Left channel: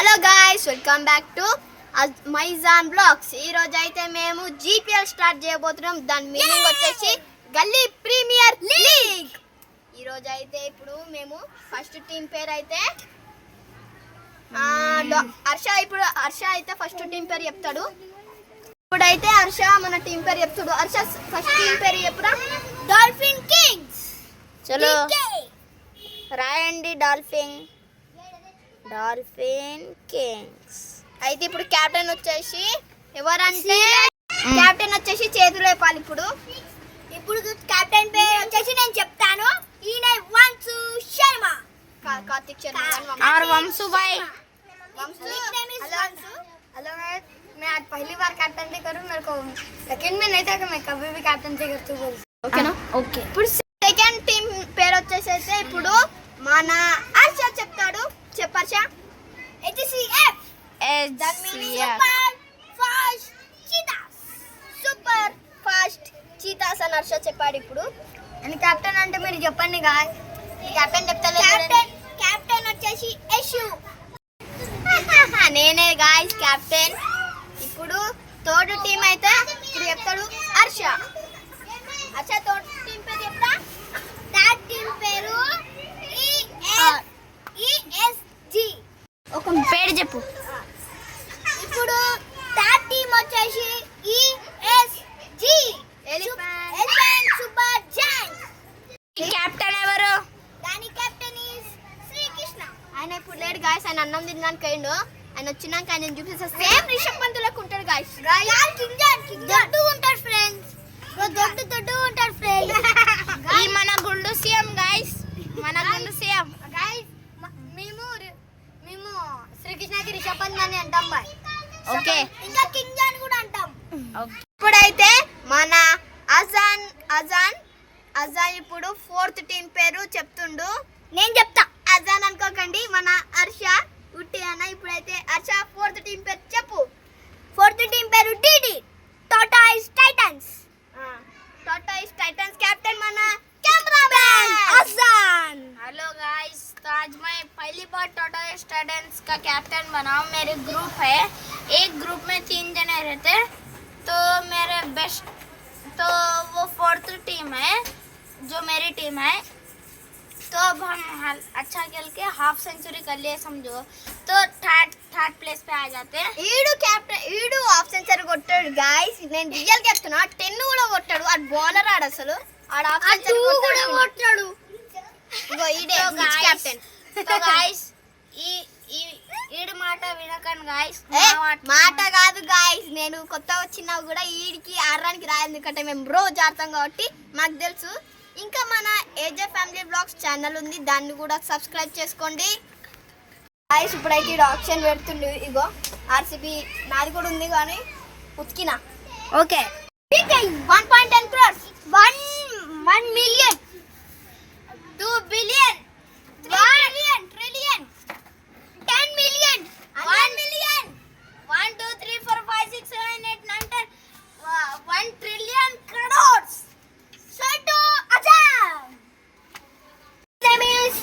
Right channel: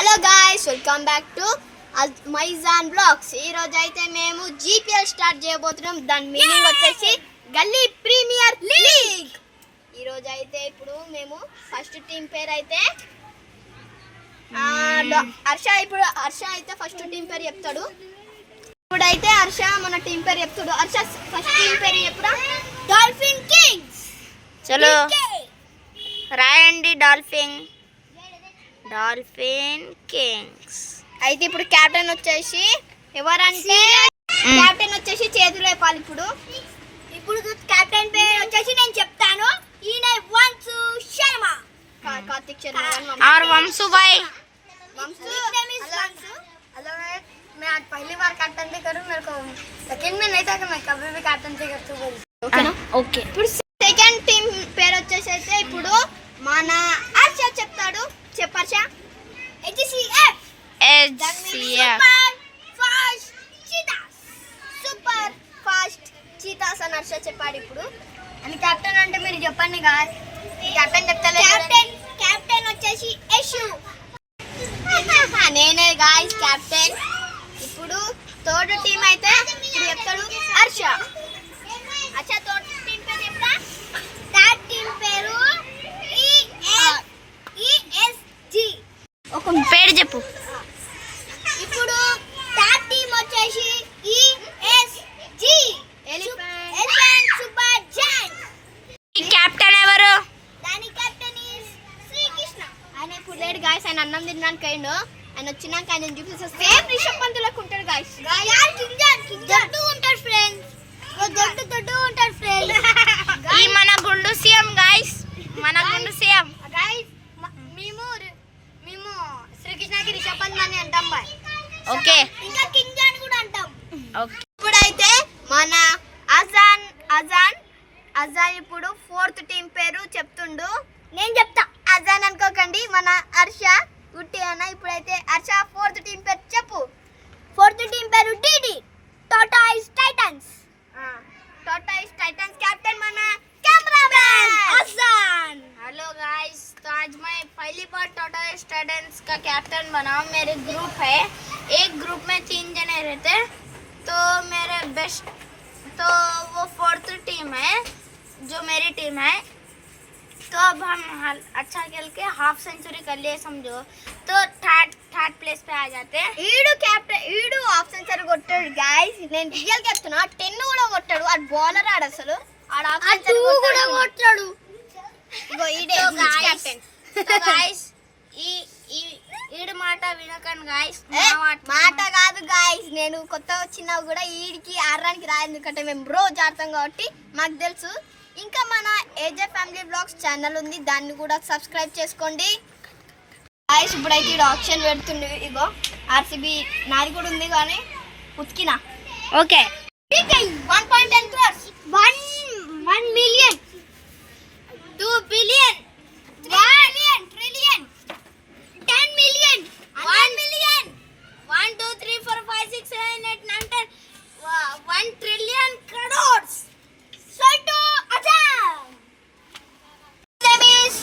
Hello guys, welcome back to Maizan blogs. ఈ రోజు అయితే మేము జీపీఎల్ స్టార్ట్ చేయబోతున్నాం. దాని మీనింగ్ వచ్చేసి గల్లీ ప్రీమియర్ లీగ్. ఈ రోజు అయితే ఇప్పుడు మేము ఫస్ట్ టీం పేరు అయితే హర్ష అయితే ఫస్ట్ టీం పేరు చెప్తాడు. ఇప్పుడైతే హర్ష మన టీం పేరు చెప్తాడు. హర్ష ఫస్ట్ టీం పేరు చెప్పురా. Dolphin Kings. చలో రాయండి. Dolphin Kings. అయితే ఇప్పుడు కెప్టెన్ వచ్చేసి ఎవరంటే కెప్టెన్ వచ్చేసి చేతులు లేపాలి. ఇప్పుడు కెప్టెన్ పేరు వచ్చేసి నేను చెప్తాను. ఈయన వంశు శర్మ. కార్తిక్ శర్మ और वंशु भाई. हेलो, मैं आज पहली बार कैप्टनसी करूं. मेरे को सेकंड में नहीं था कि मैं कभी भी कैप्टनसी करती हूं. ఓకేనా? ఓకే. ఇప్పుడు సెకండ్ టీం పేరు వచ్చేసి అయితే ఇప్పుడు మన హర్ష చెప్తాడు. చెప్పర్ష. HCF. సూపర్ ఫాస్ట్ చీతాస్ అని హర్ష చెప్పాడు. ఇప్పుడు అని కెప్టెన్ అంటే మీరు చెప్పండి. కెప్టెన్ చెప్తాను. కెప్టెన్ వచ్చేసి యశు. నేనే గాయ్స్ కెప్టెన్. ఇప్పుడు థర్డ్ టీం అయితే ఇప్పుడు చెప్తాడు హర్ష. హర్ష థర్డ్ టీం పేరు చెప్తా. థర్డ్ టీం పేరు ESG. ఒక పేరు చెప్పు. ఇప్పుడు థర్డ్ టీం వచ్చేసి ESG. Elephant super joint. Captain ఎవరు? దాని కెప్టెన్ ఇస్ శ్రీకృష్ణ. ఆయన ఇప్పుడు లేడు గాయ్స్. ఆయన అన్నం తినడానికి అయిండు. ఆయన వచ్చినాక ఆయన చూపిస్తే సేమ్ రిషబ్ పంత్ లెక్క ఉంటాడు గాయ్స్. దొడ్డు ఉంటాడు ఫ్రెండ్స్. దొడ్డు ఉంటాడు ఫ్రెండ్స్. ఈ మన గుండు సీఎం గాయ్స్. మన గుండు సీఎం గాయ్స్. మేము శ్రీకృష్ణకి రిషబ్ పంత్ అని అంటాం బాయ్. ఓకే. ఇంకా కింగ్ జాన్ కూడా అంటాం. ఓకే. ఇప్పుడైతే మన అజాన్ ఇప్పుడు ఫోర్త్ టీం పేరు చెప్తుండు. నేను చెప్తా. అజాన్ అనుకోకండి, మన హర్ష ఉట్టి అన్న. ఇప్పుడైతే హర్ష ఫోర్త్ టీం పేరు చెప్పు. ఫోర్త్ టీం పేరు DD టోటాయిస్ టైటన్స్. कैप्टन मना कैमरामैन अज़ान. हेलो गाइस, तो आज मैं पहली बार टाटा स्टूडेंट्स का कैप्टन बना हूँ. मेरे ग्रुप है, एक ग्रुप में 3 जने रहते, तो मेरे बेस्ट तो वो फोर्थ टीम है जो मेरी टीम है. तो अब हम अच्छा खेल के हाफ सेंचुरी कर लिए समझो, तो थर्ड प्लेस पे आ जाते हैं. ఈడు హాఫ్ సెంచరీ కొట్టాడు గాయ్స్. నేను రియల్ చెప్తున్నా. 10 కూడా కొట్టాడు. ఆ బౌలర్ ఆడ అసలు ఆడ హాఫ్ సెంచరీ కూడా కొట్టాడు. ఇగో ఈడే కెప్టెన్. तो गाइस ఈడు మాట వినకండి గాయ్స్. మాట కాదు గాయ్స్. నేను కొత్త వచ్చినా కూడా ఈడికి ఆడడానికి రాదు. ఎందుకంటే మేము రోజు ఆడతాం కాబట్టి మాకు తెలుసు. ఇంకా మన ఏజే ఫ్యామిలీ బ్లాగ్స్ ఛానల్ ఉంది, దాన్ని కూడా సబ్స్క్రైబ్ చేసుకోండి గాయ్స్. ఇప్పుడైతే ఈడు ఆప్షన్ పెడుతుండు. ఇగో RCB నాది కూడా ఉంది కానీ ఉతికినా. Okay. 1.10 crores, 1 million, 2 billion, 3 billion, trillion, 10 million, 1 million, 1 2 3 4 5 6 7 8 9 10 1 trillion crores. so to Ajay. Name is